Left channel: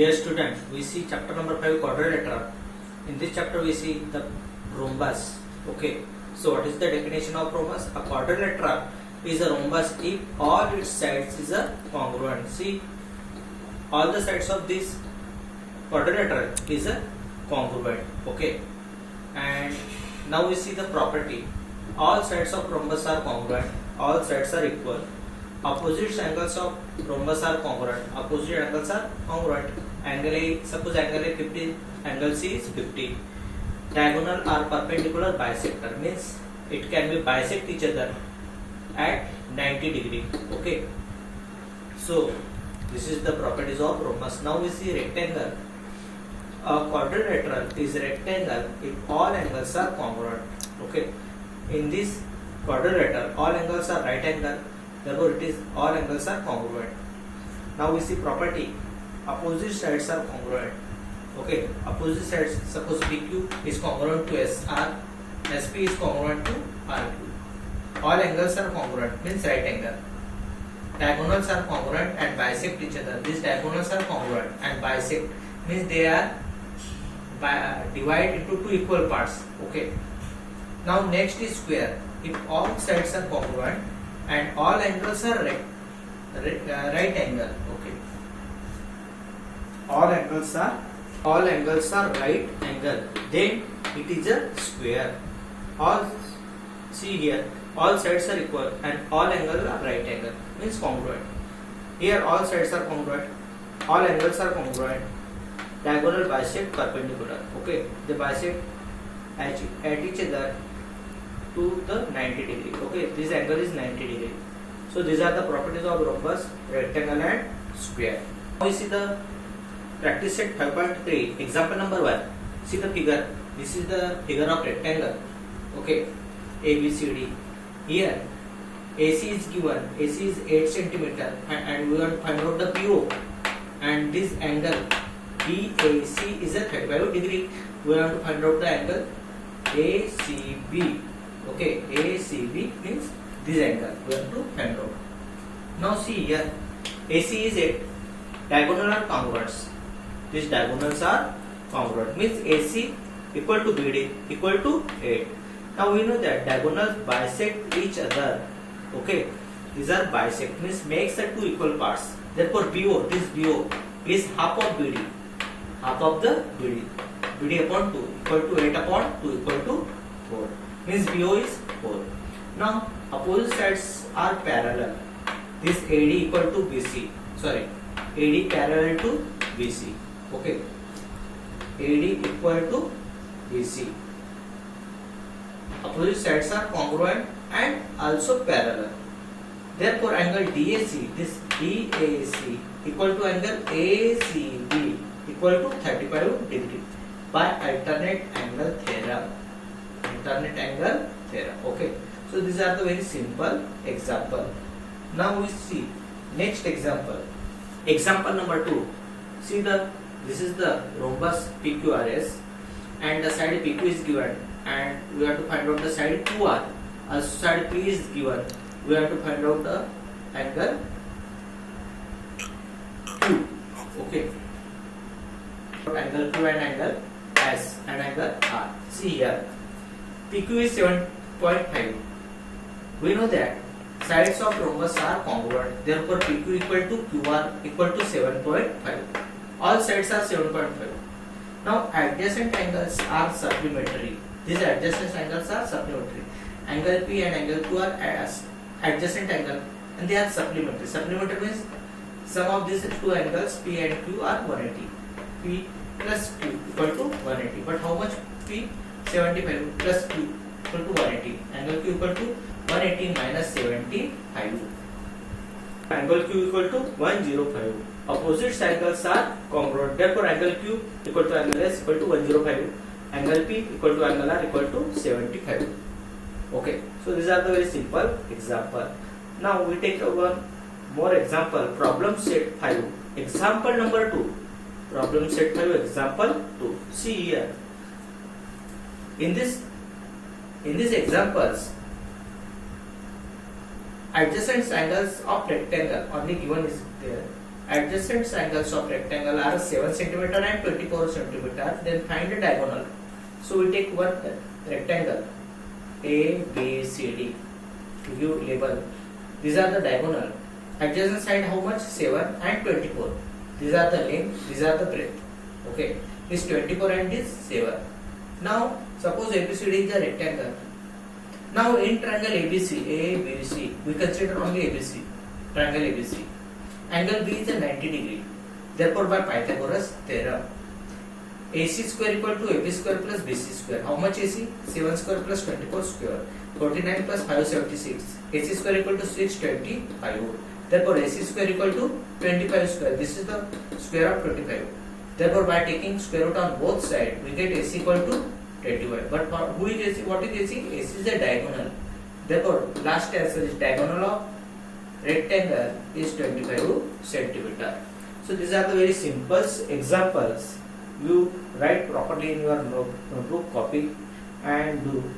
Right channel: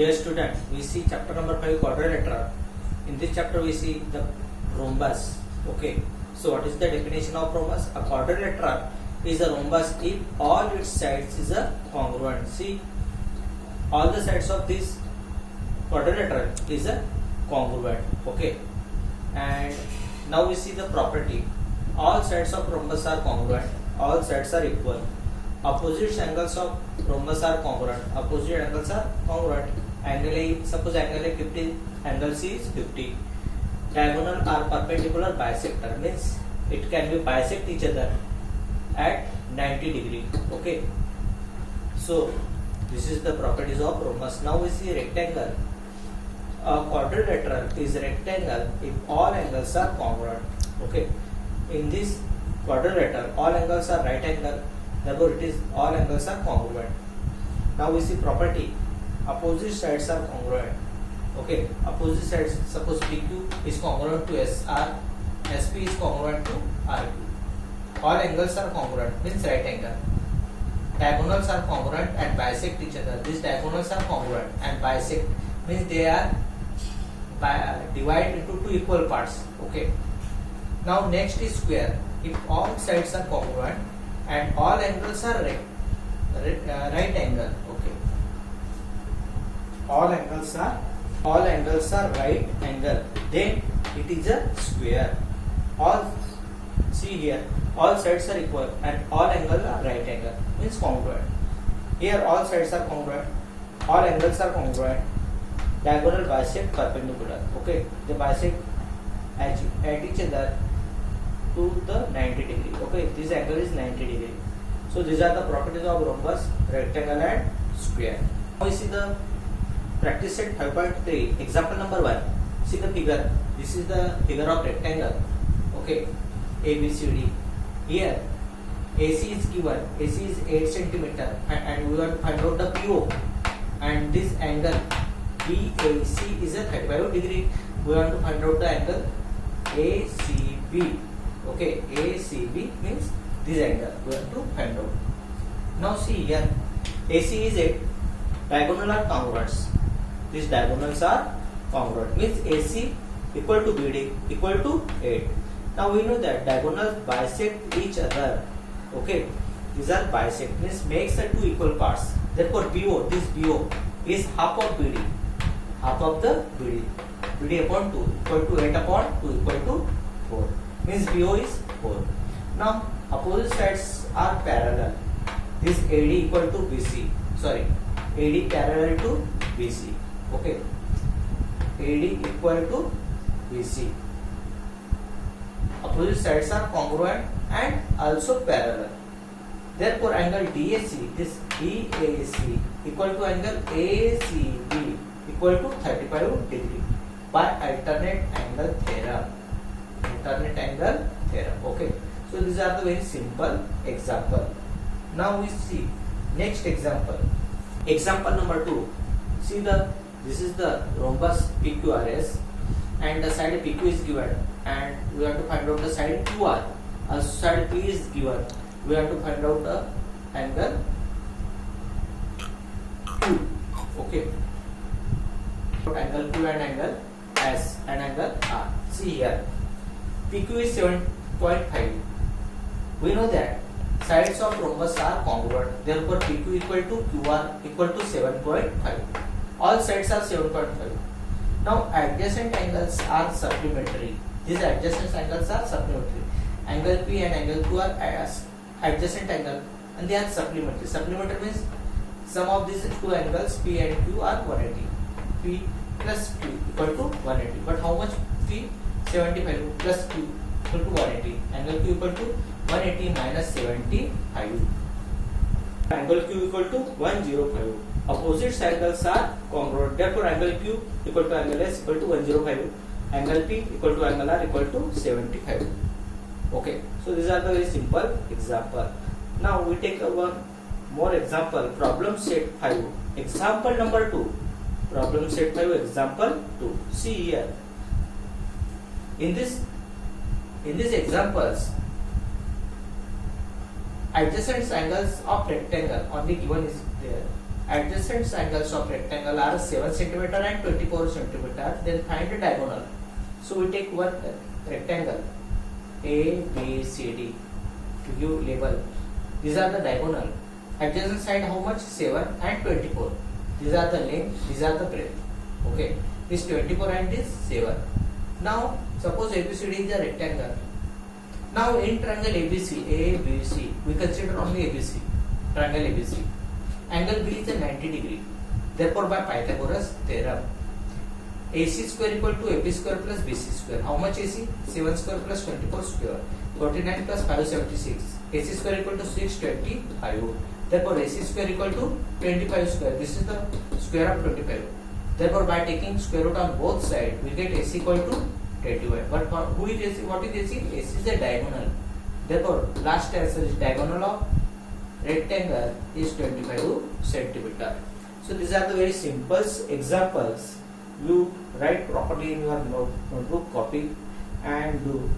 Dear student, we see chapter number 5 quadrilateral. In this chapter we see the rhombus. Okay. So what is the definition of rhombus? A quadrilateral is a rhombus if all its sides is a congruent. See, all the sides of this quadrilateral is a congruent. Okay. And now we see the property. All sides of rhombus are congruent. All sides are equal. Opposite angles of rhombus are congruent. Opposite angles are congruent. Angle A, suppose angle A 50, angle C is 50. Diagonal are perpendicular bisector, means it can be bisect each other at 90 degree. Okay. So this is the properties of rhombus. Now we see rectangle. A quadrilateral is rectangle if all angles are congruent. Okay. In this quadrilateral, all angles are right angle. Therefore, it is all angles are congruent. Now we see property. Opposite sides are congruent. Okay. Opposite sides. Suppose PQ is congruent to SR. SP is congruent to RQ. All angles are congruent. Means right angle. Diagonals are congruent and bisect each other. These diagonals are congruent and bisect. Means they are divided into two equal parts. Okay. Now next is square. If all sides are congruent and all angles are right angle. Okay. All angles are right angle. Then it is a square. See here. All sides are equal and all angles are right angle. Means congruent. Here all sides are congruent. All angles are congruent. Diagonal bisect perpendicular. Okay. They bisect at each other to the 90 degree. Okay, this angle is 90 degree. So these are the properties of rhombus, rectangle and square. Now we see the practice set 5.3 example number 1. See the figure. This is the figure of rectangle. Okay, ABCD. Here AC is given. AC is 8 centimeter and we want to find out the PO. And this angle BAC is a 35 degree. We want to find out the angle ACB. Okay, ACB means this angle we have to find out. Now see here, AC is 8, diagonal are congruent. These diagonals are congruent, means AC equal to BD equal to 8. Now we know that diagonals bisect each other. Okay, these are bisect, means makes the two equal parts. Therefore BO, this BO is half of BD, half of the BD. BD upon 2 equal to 8 upon 2 equal to 4. Means BO is 4. Now opposite sides are parallel. This AD equal to BC. Sorry, AD parallel to BC. Okay. AD equal to BC. Opposite sides are congruent and also parallel. Therefore, angle DAC, this DAC equal to angle ACB equal to 35 degree by alternate angle theorem. Alternate angle theorem. Okay. So these are the very simple example. Now we see next example. Example number 2. See this is the rhombus PQRS and the side PQ is given and we have to find out the side QR. As side P is given, we have to find out the angle Q. Okay. Angle Q and angle S and angle R. See here. PQ is 7.5. We know that sides of rhombus are congruent. Therefore, PQ equal to QR equal to 7.5. All sides are 7.5. Now, adjacent angles are supplementary. These adjacent angles are supplementary. Angle P and angle Q are adjacent angle and they are supplementary. Supplementary means sum of these two angles P and Q are 180. P plus Q equal to 180. But how much P? 75 plus Q equal to 180. Angle Q equal to 180 minus 75. Angle Q equal to 105. Opposite angles are congruent. Therefore, angle Q equal to angle S equal to 105. Angle P equal to angle R equal to 75. Okay. So these are the very simple example. Now we take one more example. Problem set 5. Example number 2. Problem set 5. Example 2. See here. In these examples, adjacent angles of rectangle only given is there adjacent angles of rectangle are 7 centimeter and 24 centimeter. Then find the diagonal. So we take one rectangle A, B, C, D. To give label. These are the diagonal. Adjacent side how much? 7 and 24. These are the length. These are the breadth. Okay. This 24 and this 7. Now suppose ABCD is a rectangle. Now in triangle ABC, we consider only ABC. Triangle ABC. Angle B is a 90 degree. Therefore by Pythagoras theorem, AC square equal to AB square plus BC square. How much AC? 7 square plus 24 square. 49 plus 576. AC square equal to 625. Therefore AC square equal to 25 square. This is the square of 25. Therefore by taking square root on both sides, we get AC equal to 21. But for who is AC? What is AC? AC is a diagonal. Therefore last answer is diagonal of rectangle is 25 centimeter. So these are the very simple examples. You write properly in your notebook, copy and do.